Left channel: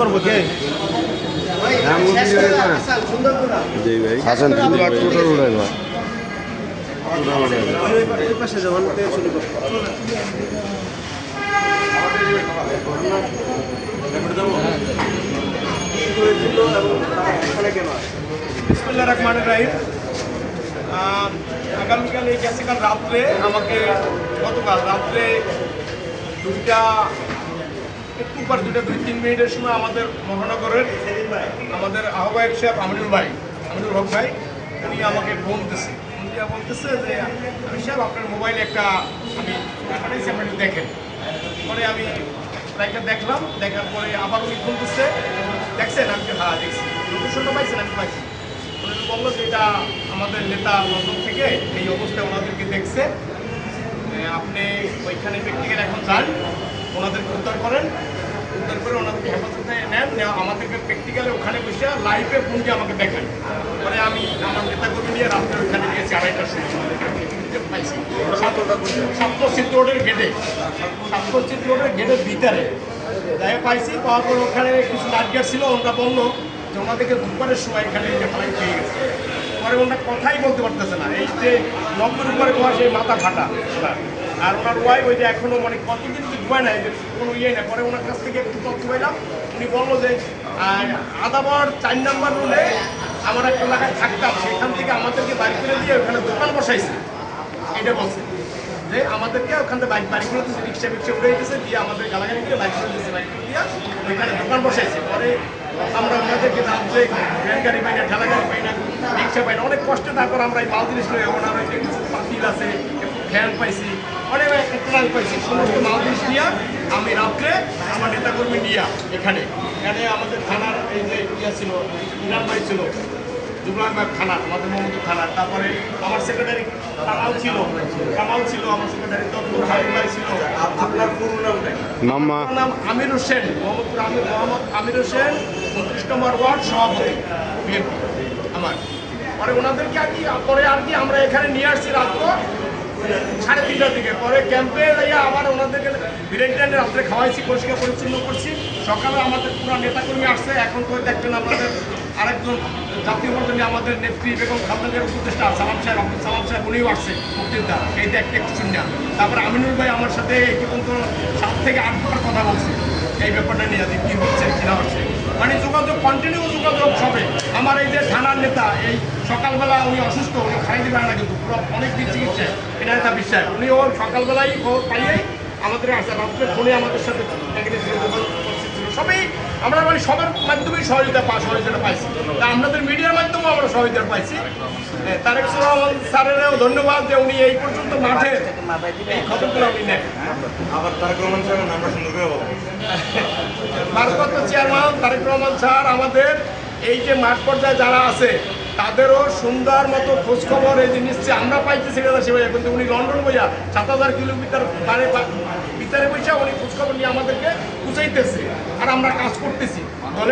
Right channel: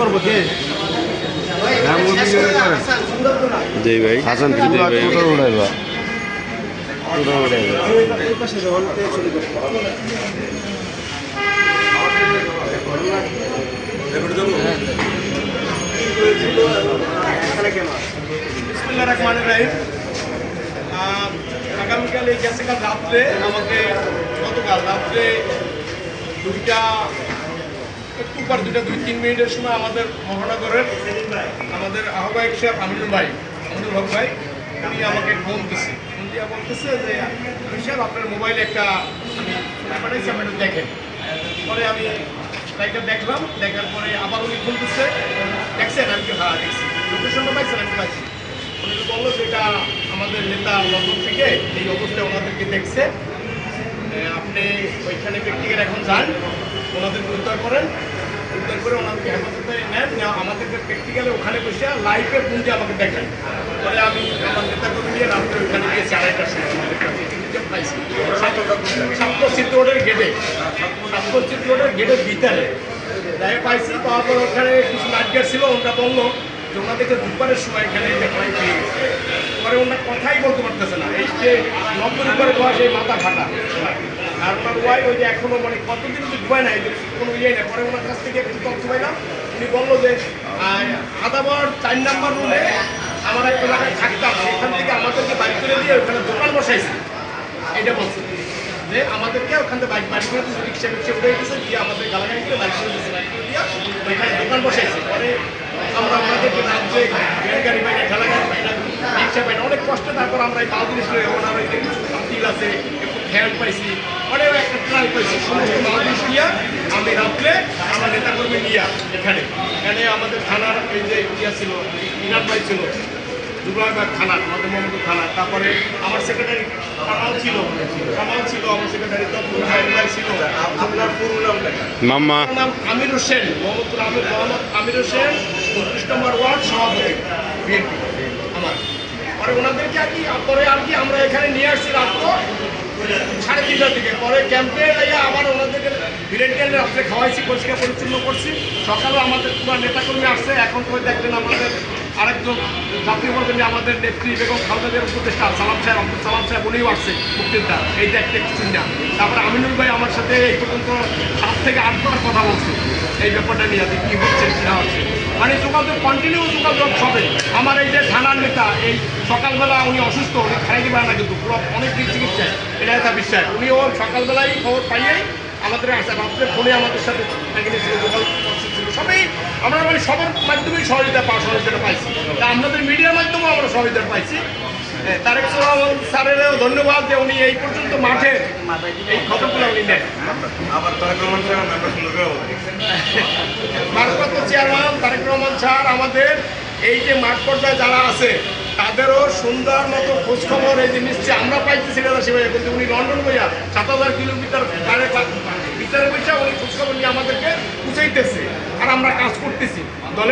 করবো কে জি ভাই হাসান উড়াইবা আগামীকাল এই গেছেকাল রাত্রে আমাকে গতকাল রাত্রে দুইটা একটু পর 2-3 মিনিটের সময় আমাদের মহানগরের আমাদের আহ্বায়ক সাহেব আমিনুল হক ভাই উনি আমাকে ফোন দিচ্ছে বলতেছে যে আমি সাহেব আপনার মোবাইলে একটা আমি পাঠাইছি আপনি একটু দেখেন। পরে আমি লাইকটা দেখলাম, দেখার পরে আবার উনি ফোন দিচ্ছে দেখছেন, আমি হ্যাঁ দেখছি। লোকেশনটা পাইছেন? আমি পাইছি। উনি বললো যে এটা আমাদের নেতা লন্ডন থেকে এই অবস্থায় ওনাদেরকে দেখছে, আপনি ওইখানে প্র্যাকটিক্যাল এখন যান, ওনাদেরকে উদ্ধার করেন, উদ্ধার করে ওনাদেরকে হেফাজতে নেন, আমাদেরকে প্র্যাকটিক্যালে ওখানে বসে লাইভে ফোন দিয়ে আমাকে দেখান। পরে আমি আমার নেতাকর্মী নিয়ে রাত্রে ওইখানে গিয়েছি 2:30টার সময় পাইছি সাতমসজিদ রোডের গেটে, সাতমসজিদ রোডের গেটের ভিতরে যাই পাইছি। পাওয়ার পর ওখানে কিছু নাটগার ছিল, ওনারা বললো যে ওনাদেরকে দুপুরের সময় এখানে দেখাই পেয়ে গেছে। পরে ওনার কথাই বলতে পারতেছে না, এই যে 90 উপরে বয়স, এই মাথা ফাটা ওনার। আর ওনার ওয়াইফ ওই যে এখনও মানে কতদিন তো ঘুমায় নাই, কোনো ইয়ে না। পরে ওনার কাছ থেকে একটু তথ্য পাইলাম, উনি বললো যে আদাবর 4 নম্বর রুমে আমার একটা জায়গায় থাকতাম, এখান থেকে আমাদেরকে বাইক করে দিয়ে ওখানে দোকান বসাইছে। এটা বলছে যে আমাদেরকে ওখান থেকে বাইক বাড়ি করে দিচ্ছে, রিক্সা উঠে দিয়েছে, দিয়ে আমাদের গালাগাড়ি দিয়ে বাইক করে দিয়েছে, বাইক করে দিয়ে ওইখানে দোকান বসাইছে। পরে আমরা ওনাদেরকে রাত্রে গাড়ি পাই না, ঠেলাগাড়ি পাই না, রিক্সা পাই না, অনেক কষ্টে। তারপর আমরা এই মাল জিনিস ওনার তিল আছে, ফ্যান পাইছি, অনেক একটা ট্রাই পাইছি, সমস্ত মাল জিনিস নিয়ে আমি রাত্রে আমার নেতাকর্মী নিয়ে এখানে আমাদের থানার এই যে ইয়া ছিল, ইরান ভাই ছিল, জুবলাইবাগ থানা, আমাদের মোহাম্মদপুর থানা, তারপরে আমার সেক্রেটারি কামাল ছিল, আমার সেক্রেটারি তখন ভাই ছিল। আপনার পুরো নাম আমির হোসেন, মোহাম্মদ আমির হোসেন, 29 নম্বর ওয়ার্ড সভাপতি বিএনপি আমার। পরে ওনাদেরকে পরে আমরা এখানে নিয়ে আসছি রাত্র 3:30টার দিকে। পরে ক্যাম্পে যাইয়া আবার ওনাদেরকে বিরিয়ানি রাত্রে খাওয়াইছি, পরিষ্কার পরিচ্ছন্ন করছি। সকালেও আমাদের পুরো নেতাকর্মী আসছে। এখন তো দেখবেন আমাদের আরেকজন জাতীয়বর্গ নিয়ে আমাদের নেত্রী বেগম খালেদার উপদেষ্টা সালাম সাহেব উনিও আসছে বক্তৃতা, এই দেখতে একটু না। তারপরে আমিনুল ভাই আমার সাথে এই পর্যন্ত 7 থেকে 8 বার কথা বলছে এই ব্যাপারটা নিয়ে, যে কী হচ্ছে না হচ্ছে, মানে যোগাযোগ কন্টিনিউ যোগাযোগ হবে। আমার এই যে থানার নেতা, এই সকালবেলা উনি অসুস্থ, উনি খাই দিবেন না, কিন্তু পুরো অনেক দিন চিকিৎসায়, এটা একটা বিশ্বাস। উনিও সকালবেলায় খবর পাইয়েই আমাদের আসে, রাত্রে ফোনে আমাদের সাথে ছিল, যোগাযোগ ছিল, সবই আমরা মানে সবার মাধ্যমেই সহযোগিতা পাইছি। তা আপনাদের মিডিয়ার মাধ্যমেও আমরা সহযোগিতা পাইছি। তারেক রহমান স্যারেরও ধন্যবাদ যে উনি এই পর্যন্ত মাঠে এই খবরগুলো উনি নেন। আবার তারেক রহমান স্যার ভারপ্রাপ্ত চেয়ারম্যান তারেক রহমান স্যার আমাদের এই যে মাঠ পর্যায়ে যারা আছে তাদেরও সুন্দর মতো খোঁজখবর এই যে নিশ্চয়ই আমরা পাইতেছি না সেভাবে, কিন্তু উনি লন্ডন বইয়া 7000 কিলোমিটার ভিতরে বসে উনি খোঁজখবর নিয়ে আমাদেরকে বুঝাইতেছে, আর আমরা কাজ করতেছি দলের